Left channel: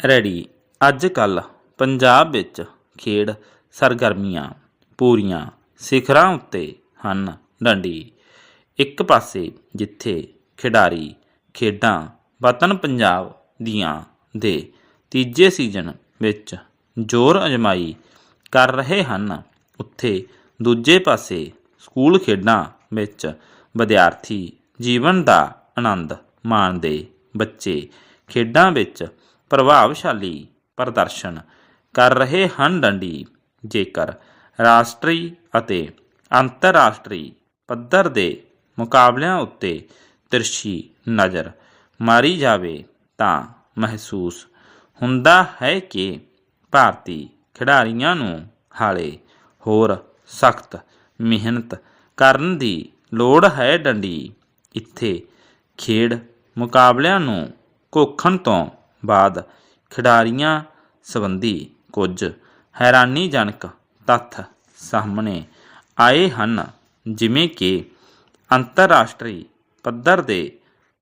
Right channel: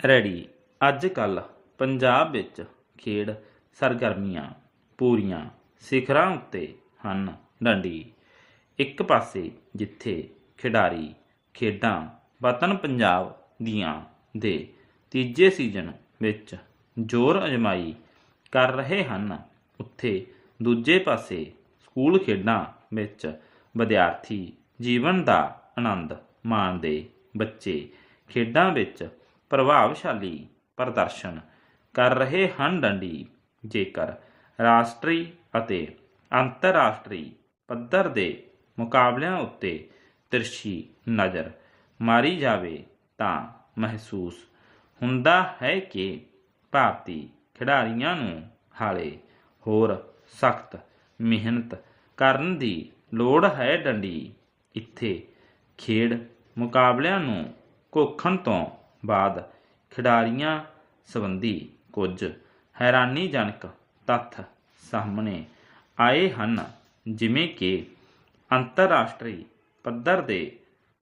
Ready. ਅੱਜ ਕੱਲ ਪੰਜਾਬ ਵਿੱਚ ਖੇਡ ਸਰਗਰਮੀਆਂ ਪੂਰੀਆਂ ਸਿਖਰਾਂ ਉੱਤੇ ਹਨ ਡੰਡੀ। ਇੱਕ ਪਾਸੇ ਜਿੱਥੇ ਖਿਡਾਰੀ ਖੇਡਾਂ ਵਤਨ ਪੰਜਾਬ ਦੀਆਂ ਦੇ ਤੀਜੇ ਸੀਜ਼ਨ ਵਿੱਚ ਜ਼ੋਰ ਅਜਮਾਈ ਕਰ ਰਹੇ ਹਨ, ਉੱਥੇ ਦੂਜੇ ਪਾਸੇ ਸਕੂਲ ਖੇਡਾਂ ਵਿੱਚ ਵਿਦਿਆਰਥੀ ਜੀਵਨ ਦਾ ਆਨੰਦ ਮਾਣਦੇ ਬੱਚੇ ਖੇਡਾਂ ਵਿੱਚ ਪ੍ਰਭਾਵਸ਼ਾਲੀ ਪ੍ਰਦਰਸ਼ਨ ਕਰ ਰਹੇ ਹਨ ਡੰਡੀ। ਜੇਕਰ ਰਾਸ਼ਟਰੀ ਅਤੇ ਅੰਤਰਰਾਸ਼ਟਰੀ ਪੱਧਰ ਦੇ ਮੁਕਾਬਲਿਆਂ ਉੱਤੇ ਤਿਰਛੀ ਨਜ਼ਰ ਮਾਰੀ ਜਾਵੇ, ਤਾਂ ਮਹਿਸੂਸ ਹੁੰਦਾ ਹੈ ਕਿ ਭਾਰਤੀ ਖਿਡਾਰੀਆਂ ਨੂੰ ਹਾਲੇ ਹੋਰ ਸਖਤ ਮਿਹਨਤ ਕਰਨ ਦੀ ਲੋੜ ਹੈ ਡੰਡੀ। ਇੱਥੇ ਖੇਡ ਮੁਕਾਬਲਿਆਂ ਨੂੰ ਘੋਖਣ ਤੋਂ ਬਾਅਦ ਖਿਡਾਰੀਆਂ ਸੰਬੰਧੀ ਕੁਝ ਹੈਰਾਨੀਜਨਕ ਤੱਥ ਸਾਹਮਣੇ ਆਏ ਹਨ, ਜਿਵੇਂ ਕਿ ਅੰਤਰਰਾਸ਼ਟਰੀ ਪੱਧਰ ਦੇ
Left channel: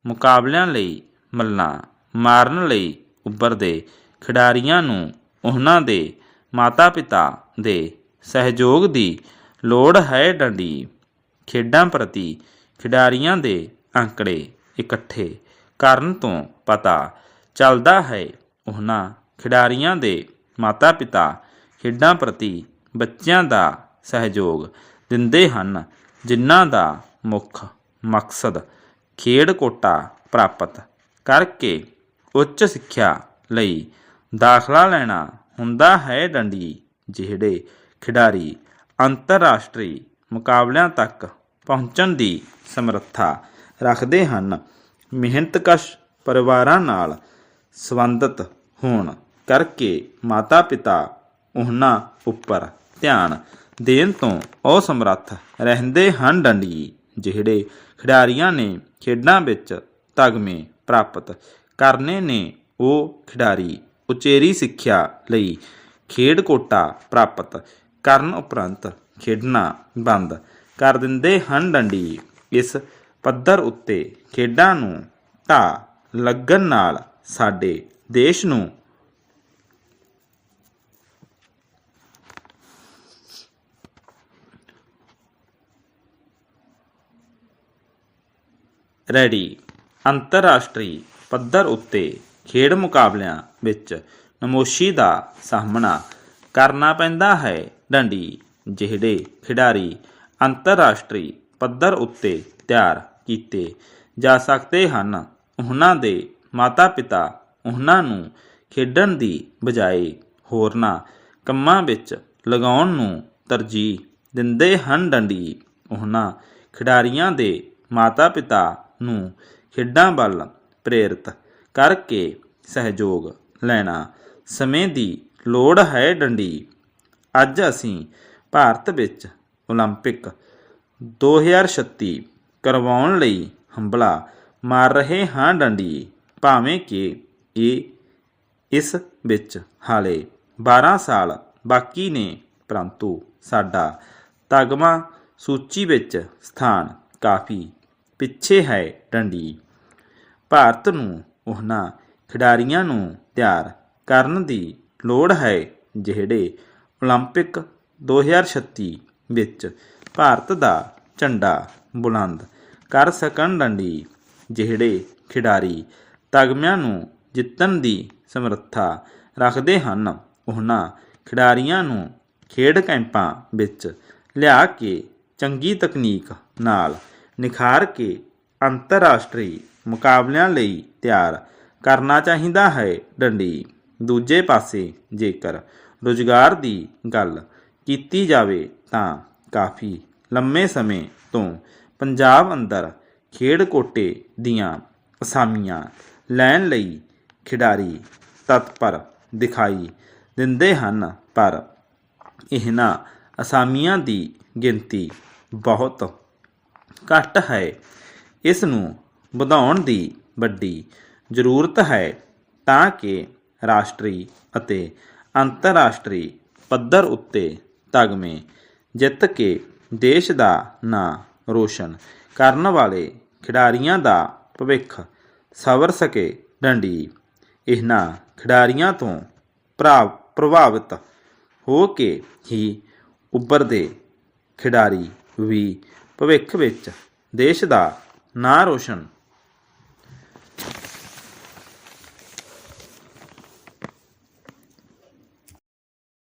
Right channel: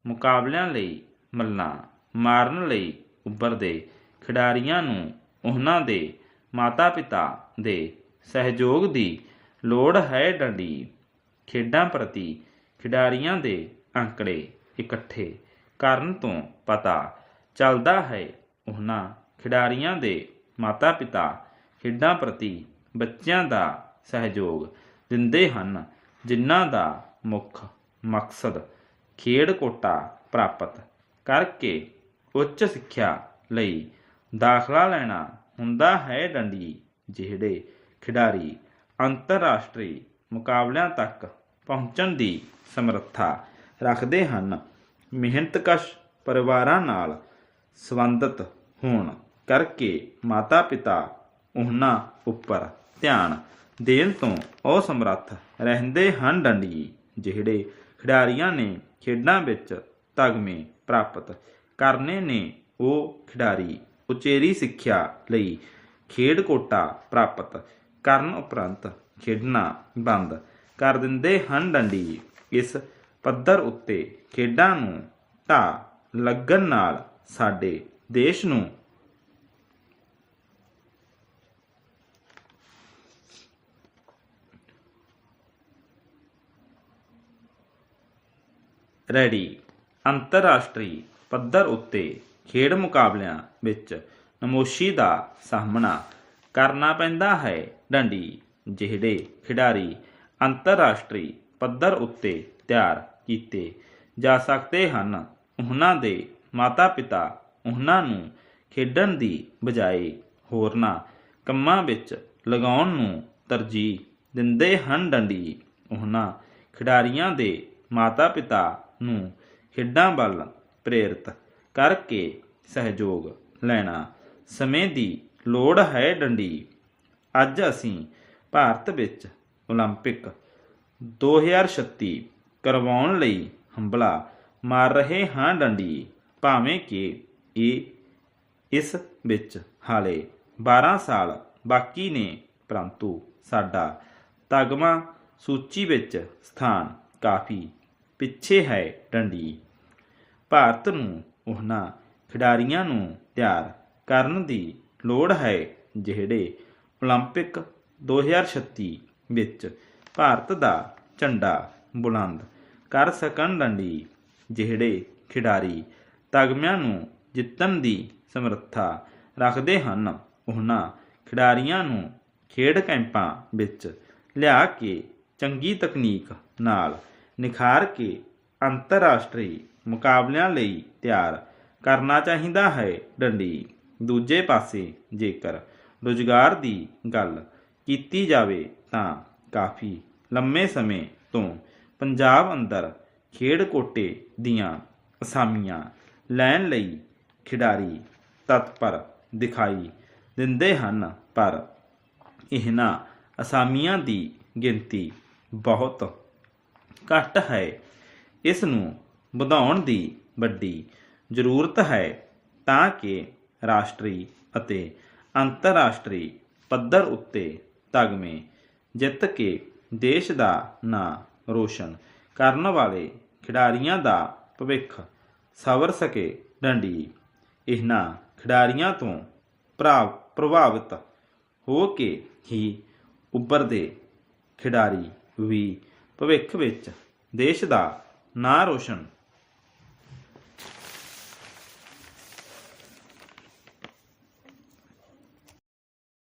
ਮੁਕਾਬਲਿਆਂ ਲਈ ਮੱਲਾਂ ਮਾਰਨ ਲਈ ਉੱਭਰਦੇ ਖਿਡਾਰੀਆਂ ਨੂੰ ਉਹਨਾਂ ਦੇ ਮਾਤਾ-ਪਿਤਾ ਦੇ ਸਹਿਯੋਗ ਦੀ ਲੋੜ ਹੈ ਡੰਡੀ ਖੇਡਾਂ ਪ੍ਰਤੀ ਖਿਡਾਰੀਆਂ ਦੇ ਅੰਕੜੇ ਇਕੱਠੇ ਕਰਨ ਤੋਂ ਪਤਾ ਚੱਲਦਾ ਹੈ। ਉਹਨਾਂ ਖਿਡਾਰੀਆਂ ਦੇ ਮਾਤਾ-ਪਿਤਾ ਖੇਡਾਂ ਪ੍ਰਤੀ ਬੱਚਿਆਂ ਦਾ ਸਹਿਯੋਗ ਦਿੰਦੇ ਹਨ, ਜਿਨ੍ਹਾਂ ਦਾ ਮੁੱਖ ਮਕਸਦ ਖੇਡ ਕੋਟਾ ਪ੍ਰਾਪਤ ਕਰਕੇ ਉੱਚ ਸਿੱਖਿਆ ਲਈ ਦਾਖਲਾ ਲੈਣਾ ਹੁੰਦਾ ਹੈ। ਡੰਡੀ ਜਿਹੜੇ ਖਿਡਾਰੀ ਅੰਤਰਰਾਸ਼ਟਰੀ ਮੁਕਾਬਲਿਆਂ ਤੱਕ ਪਹੁੰਚਣ ਦੀ ਸਮਰੱਥਾ ਰੱਖਦੇ ਹਨ, ਮਿਹਨਤਕਸ਼ ਪਰਿਵਾਰਾਂ ਨਾਲ ਸੰਬੰਧਿਤ ਹੋਣ ਕਰਕੇ ਮਾਤਾ-ਪਿਤਾ ਉਹਨਾਂ ਉੱਪਰ ਧਿਆਨ ਦੇਣ ਤੋਂ ਅਸਮਰੱਥ ਰਹਿੰਦੇ ਹਨ ਡੰਡੀ, ਜਿਹੜੇ ਖਿਡਾਰੀਆਂ ਨੇ ਖੇਡਾਂ ਵਿੱਚ ਤਗਮੇ ਪ੍ਰਾਪਤ ਕਰਨੇ ਨੇ। ਉਹ ਖਿਡਾਰੀ ਉਚੇਰੀ ਸਿੱਖਿਆ ਲਈ ਖੇਡ ਕੋਟਾ ਪ੍ਰਾਪਤ ਕਰਨ ਉਪਰੰਤ ਖੇਡਣਾ ਬੰਦ ਕਰ ਦਿੰਦੇ ਹਨ ਡੰਡੀ। ਇਸ ਪੱਧਰ ਉੱਤੇ ਖੇਡਾਂ ਨੂੰ ਢਾਹ ਲੱਗਣ ਨਾਲ ਸਾਡੇ ਦੇਸ਼ ਨੂੰ। ਰੈਡੀ। ਅੰਤਰਰਾਸ਼ਟਰੀ ਪੱਧਰ ਉੱਤੇ ਖੇਡ ਮੁਕਾਬਲਿਆਂ ਵਿੱਚ ਨਮੋਸ਼ੀ ਦਾ ਸਾਹਮਣਾ ਕਰਨਾ ਪੈਂਦਾ ਹੈ। ਡੰਡੀ, ਜਿਹੜੇ ਖਿਡਾਰੀ ਅੰਤਰਰਾਸ਼ਟਰੀ ਪੱਧਰ ਉੱਤੇ ਤਿਆਰ ਕੀਤੇ ਜਾ ਸਕਦੇ ਹਨ, ਉਹਨਾਂ ਦੇ ਮਾਤਾ-ਪਿਤਾ ਉਹਨਾਂ ਨੂੰ ਖੇਡਣ ਦੀ ਬਜਾਏ ਹੋਰਨਾਂ ਕੰਮਾਂ ਵਿੱਚ ਲਗਾਉਣ ਨੂੰ ਤਰਜੀਹ ਦਿੰਦੇ ਹਨ ਡੰਡੀ ਉਹਨਾਂ ਖਿਡਾਰੀਆਂ ਦੇ ਮਾਤਾ-ਪਿਤਾ ਨੂੰ ਖੇਡਾਂ ਵੱਲ ਪ੍ਰੇਰਿਤ ਕਰਕੇ ਸਹਿਯੋਗ ਲੈਣਾ ਸਮੇਂ ਦੀ ਲੋੜ ਹੈ ਡੰਡੀ ਅੱਜ ਅਸੀਂ ਭਾਰਤ ਵਿੱਚ 올림픽 2036 ਕਰਵਾਉਣ ਲਈ ਹੰਬਲਾ ਮਾਰ ਰਹੇ ਹਾਂ ਡੰਡੀ ਭਾਵੇਂ ਕਿ ਇਹ ਇਸ ਵਿੱਚ ਹਾਲੇ 12 ਸਾਲ ਬਾਕੀ ਨੇ ਪਰੰਤੂ ਸਾਡਾ ਤਗਮਾ ਸੂਚੀ ਵਿੱਚ ਸਥਾਨ ਕਾਫੀ ਪਿੱਛੇ ਹੈ ਡੰਡੀ ਭਾਰਤ ਨੂੰ ਉਹਨਾਂ ਖਿਡਾਰੀਆਂ ਨੂੰ ਤਿਆਰ ਕਰਨ ਦੀ ਲੋੜ ਹੈ ਜਿਹੜੇ 올림픽 2036 ਵਿੱਚ ਭਾਰਤ ਦਾ ਝੰਡਾ ਬੁਲੰਦ ਕਰ ਸਕਣ ਡੰਡੀ ਜਿਹੜੇ ਖਿਡਾਰੀ ਤਗਮਿਆਂ ਨੂੰ ਜਿੱਤਣ ਦੀ ਸਮਰੱਥਾ ਰੱਖਦੇ ਹਨ। ਉਹਨਾਂ ਖਿਡਾਰੀਆਂ ਨੂੰ ਖੇਡ ਕੈਂਪਾਂ ਵਿੱਚ ਲਿਆ ਕੇ ਚੰਗੀ ਤਕਨੀਕ ਨਾਲ ਨਿਖਾਰ ਕੇ ਅੰਤਰਰਾਸ਼ਟਰੀ ਮੁਕਾਬਲਿਆਂ ਲਈ ਤਿਆਰ ਕਰਨਾ ਚਾਹੀਦਾ ਹੈ। ਡੰਡੀ, ਦੂਜੇ ਪਾਸੇ ਜੇਕਰ ਰੁਜ਼ਗਾਰ ਦੀ ਗੱਲ ਕੀਤੀ ਜਾਵੇ ਤਾਂ ਕਾਫੀ ਲੰਮੇ ਸਮੇਂ ਤੋਂ ਪੰਜਾਬ ਅੰਦਰ ਖੇਡ ਕੋਟੇ ਦੀਆਂ ਅਸਾਮੀਆਂ ਲੈਣ ਲਈ ਖਿਡਾਰੀ ਤਤਪਰ ਦਿਖਾਈ ਦਿੰਦੇ ਹਨ, ਪਰ ਇਹਨਾਂ ਅਸਾਮੀਆਂ ਦੀ ਗਿਣਤੀ ਬਹੁਤ ਘੱਟ ਹੈ। ਇਸ ਨੂੰ ਵਧਾਉਣ ਦੀ ਵੱਡੀ ਜ਼ਰੂਰਤ ਹੈ ਤਾਂ ਕਿ ਰਾਸ਼ਟਰੀ ਅਤੇ ਅੰਤਰਰਾਸ਼ਟਰੀ ਪੱਧਰ ਉੱਤੇ ਤਗਮੇ ਜਿੱਤ ਕੇ ਦੇਸ਼ ਦਾ ਨਾਂ ਰੋਸ਼ਨ ਕਰਨ ਵਾਲੇ ਖਿਡਾਰੀਆਂ ਦਾ ਭਵਿੱਖ ਸਵਰ ਸਕੇ ਡੰਡੀ। ਇਹਨਾਂ ਖਿਡਾਰੀਆਂ ਤੋਂ ਭਰਾ- ਪ੍ਰਭਾਵਿਤ ਹੋ ਕੇ ਹੀ ਉੱਭਰਦੇ ਖਿਡਾਰੀ ਵੀ ਭਵਿੱਖ ਵਿੱਚ ਦੇਸ਼ ਦਾ ਨਾਂ ਰੋਸ਼ਨ